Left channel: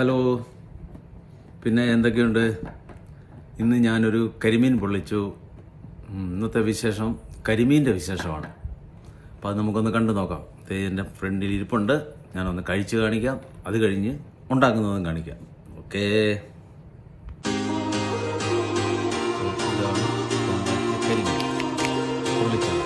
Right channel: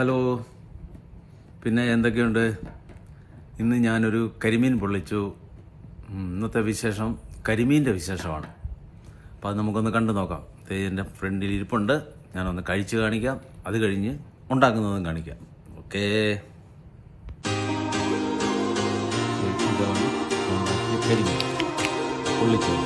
Hello, പിന്നെ എന്തൊക്കെയുണ്ട്? ഇന്ന് ഞാനൊരു കരിമീൻ പൊള്ളിച്ചു. ഇന്നത്തെ വിശേഷം കരിമീൻ്റെ വിശേഷമാണ്. അപ്പോൾ അത് നമുക്കൊന്ന് കണ്ടു നോക്കാം. എൻ്റെ ഫ്രണ്ടിൽ ഇരിപ്പുണ്ട്, ഞാനൊന്ന് കഴിച്ച് കാണിക്കാം. അത് കഴിഞ്ഞ് ഉണ്ടാക്കുന്നതും കാണിക്കാം. ഓക്കേ. ഇതാണ് കരിമീൻ പൊള്ളിച്ചത്.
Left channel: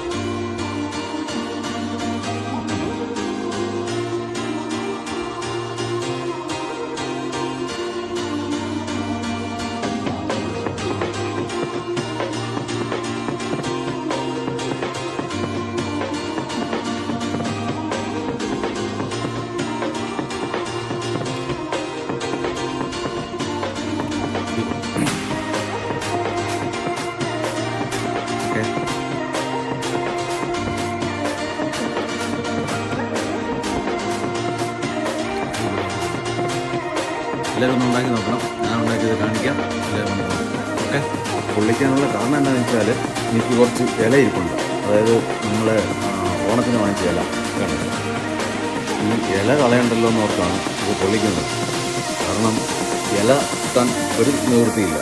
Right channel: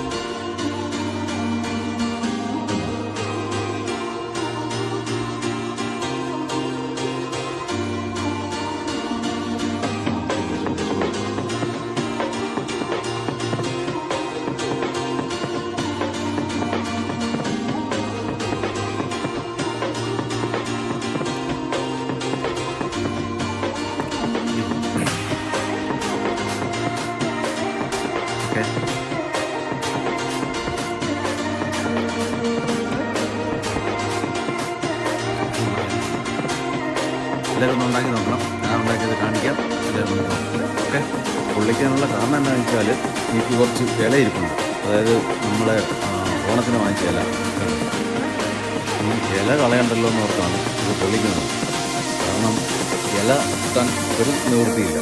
എല്ലാവരും ഒന്ന് ഉണ്ടാക്കി നോക്കണം. ഞാൻ ഉണ്ടാക്കിയത് കാണിക്കാം. എല്ലാവരും നോക്കാം. ഓക്കെ. പൊള്ളിക്കാനുള്ള കാരണം എന്താണെന്ന് വെച്ചാൽ എനിക്ക് കുറച്ച് ഇല ഇരിപ്പുണ്ട്. അതായത് നമ്മൾ ഓണത്തിന് വാങ്ങിച്ച ഇല വേണ്ടത്. ഈ ഇല കളയണ്ടല്ലോ എന്ന് ഓർത്താണ് ഇത് പൊള്ളിക്കുന്നത്. കാരണം ഇല കിട്ടാൻ ഒരു നിവൃത്തിയില്ല.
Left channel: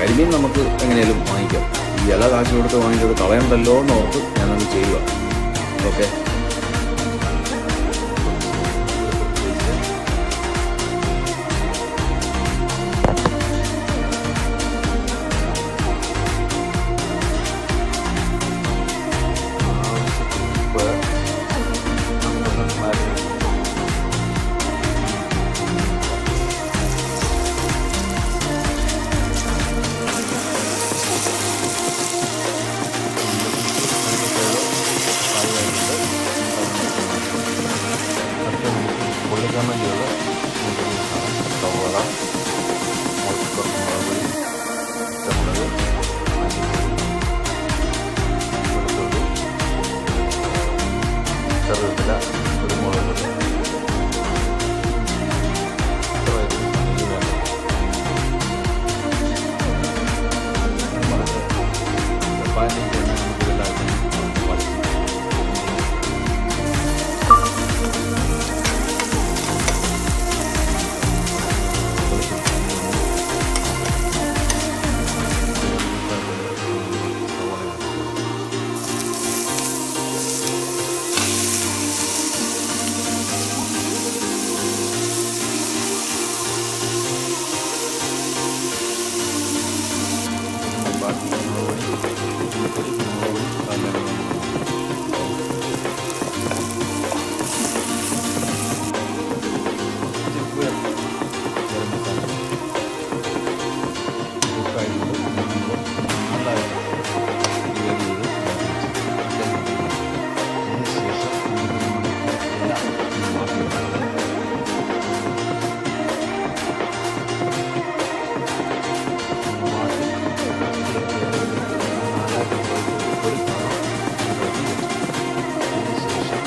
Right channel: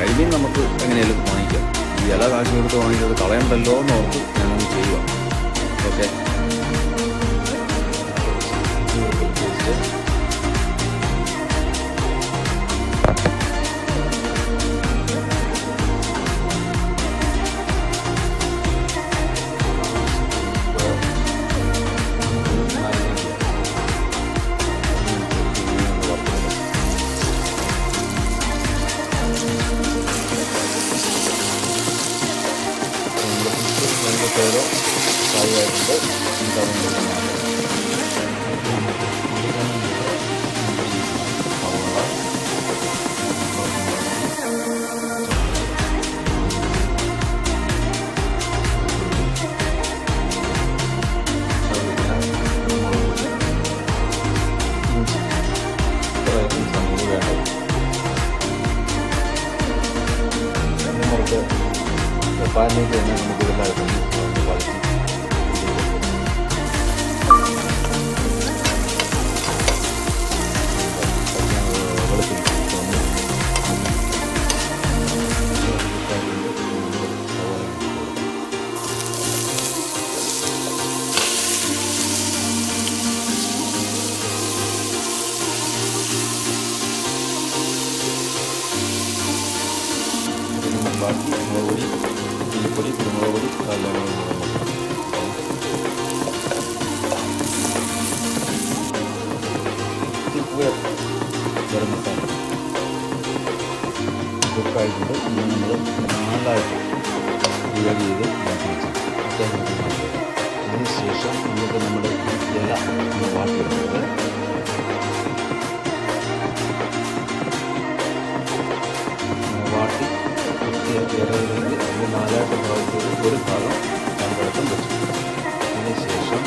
കരിമീൻ നമുക്ക് എങ്ങനെയാലും വാങ്ങിക്കാം. ഈ ഇല കാശ് കൊടുത്ത് വാങ്ങിച്ചത് കളയണ്ടല്ലോ എന്ന് ഓർത്ത് ഞാനത് ചെയ്യുക. ഓക്കെ. പാലിലേക്ക് തന്നെ നമുക്ക് ഇതെല്ലാം വളർത്തി ബാക്കി മുളകുപൊടി, മല്ലിപ്പൊടി, കുരുമുളക് പൊടി, എല്ലാം ഗരം മസാല കുക്കായിട്ടുണ്ട്. ഇനി നമ്മൾ നാലായിട്ട് ഡിവൈഡ് ചെയ്ത് അതിനുശേഷം നമുക്ക് നമ്മുടെ ഇല വാട്ടിയെടുക്കുന്നത് നാലായിട്ട് ഒരു ഭാഗം രണ്ടായിട്ടും വെച്ചു. അതിനുശേഷം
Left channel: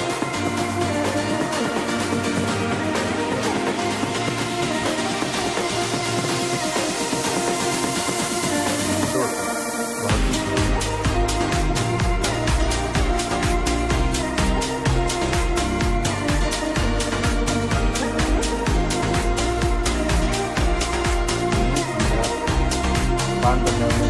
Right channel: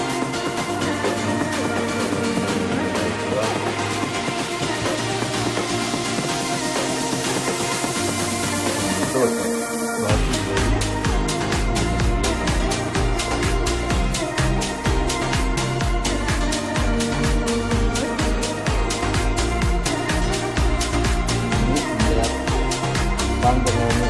ബാക്കി പാൻ തന്നെ ഒന്ന്